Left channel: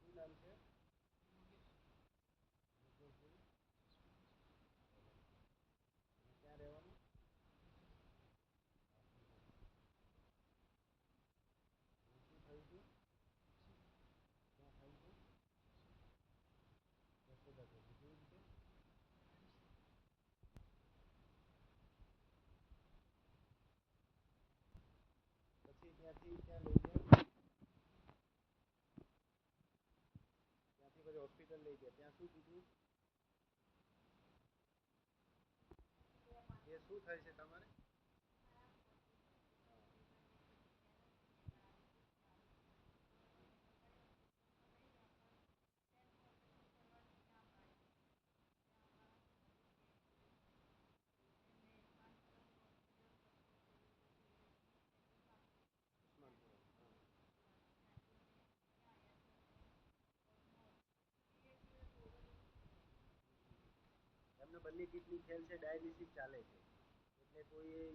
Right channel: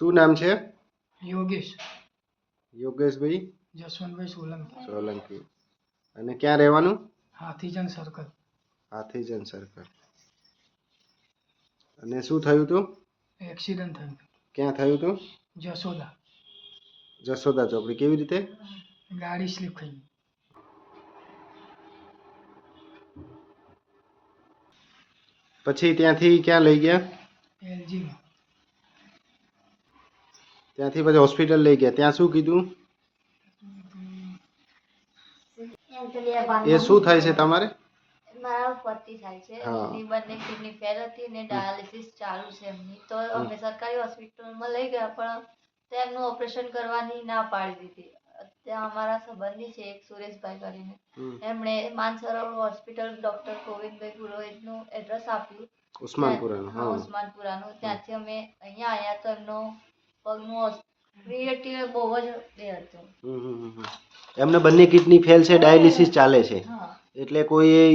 શું નામ છે? યોગેશ યોગેશભાઈ જસવંતભાઈ સોલંકી, સોલંકી. અને ક્યાં રહેવાનું? હાથીજન સર્કલ. હાથીજન સર્કલ. અને શું થયું હતું? એક્સિડન્ટ થયું. ક્યાં થયું હતું? જસોદા. જસોદા ચોકડી. કેવી રીતે? ગાડી સ્લીપ થઈ ગઈ. પછી ત્યાંથી ક્યાં લઈ ગયા? એલજીમાં. ત્યાંથી પછી હોસ્પિટલ લઈ ગયા. ત્યાં શું કીધું? એ શું થાય છે તમારે? મારા પતિ થાય છે, હા. એમની બંને કિડની ફેલ હતી ને ડાયાલિસિસ ચાલુ છે એમની. તો અમે સરકારી હોસ્પિટલમાં લઈ ગયા, પણ તેમનું ઓપરેશન કરવાની ના પાડી દીધી. ત્યાં અમારા સંબંધી છે એક સુરેશભાઈ કરીને, એમણે માનસરોવર હોસ્પિટલ ડોક્ટર ગોવિંદભાઈ પુરોહિતનું એડ્રેસ આપ્યું, ઉસ્માનપુરાનું. હા, ઉસ્માનપુરાનું. ત્યાંથી અમે અહીંયા આવ્યા તો એમનો પગનું ક્રિએટિવ બહુ જ એ હતું. એમને બંને કિડની ફેલ છે, ડાયાલિસિસ ચાલે છે, હા, એટલે કોઈ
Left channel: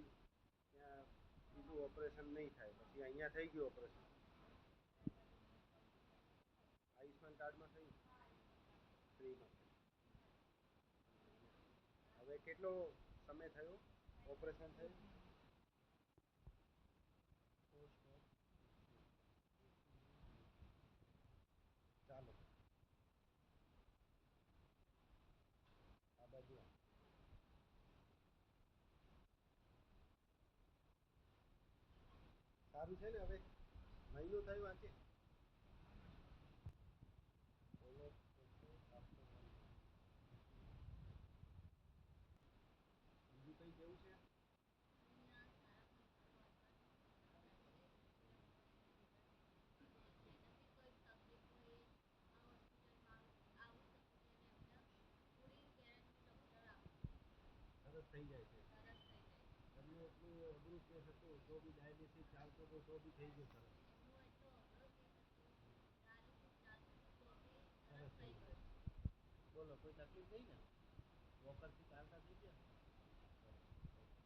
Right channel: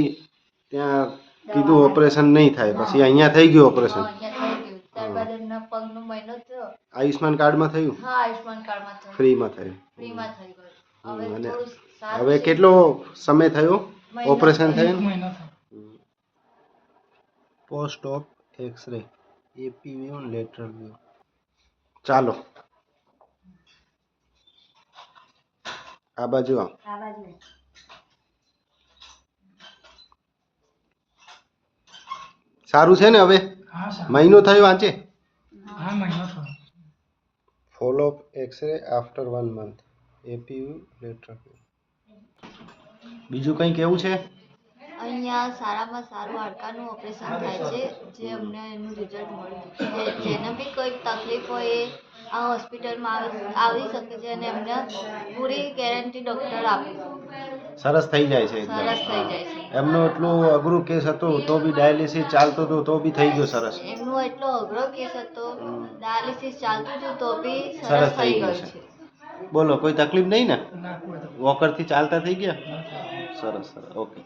ત્યાં કીધું ઓપરેશન નહીં થાય. પછી અહીંયા થઈ ગયું ઓપરેશન. અહીંયા થઈ ગયું. ત્યારબાદ એમના પગનું મહિનો થયો. આયુષ્માન કાર્ડમાં થયું? હા, આયુષ્માન કાર્ડમાં થયું. ફ્રીમાં થયું? ફ્રીમાં થઈ ગયું. હવે અને થોડું સારું હવે છે. કેટલો સમય થયો મહિનો ઓપરેશન થયો. થયું? મહિનો થયો. Post of X-ray AP view lateral view. ચાલો આ બાજુ આવો. આ બાજુ. સારું છે ને હવે? હા સર. મહિનો થયો આજે? હા, મહિનો થયો. Follow up X-ray after 1 month AP view lateral view. બીજું કંઈ કેવું છે? અહીંયા સારામાં સારું હાડકાનું ઓપરેશન થાય છે, જે અમને એનું રિઝલ્ટ મળ્યું. જેને બી કોઈ તકલીફ હોય એ આ હોસ્પિટલમાં આવી શકે છે અને એમને પૂરી ગેરંટી ડૉક્ટર આપે છે. સરસ થઈ જાય છે એકદમ. સરસ થઈ જાય છે. એમનો એટલું અઘરું કેસ હતો તો બી ડાયાલિસિસ ચાલતો હતો તો બી થઈ ગયો સરસ. એમનો એટલો અઘરો કેસ હતો, ડાયાલિસિસ ચાલતું હતું તો બી સરસ સરસ થઈ થઈ ગયું ગયું છે. છે. બોલો, કોઈ તકલીફ નહીં ને? ના કોઈ તો. વોકરથી ચાલતા થઈ ગયા? ના થયું. સરસ સરસ, ઓકે.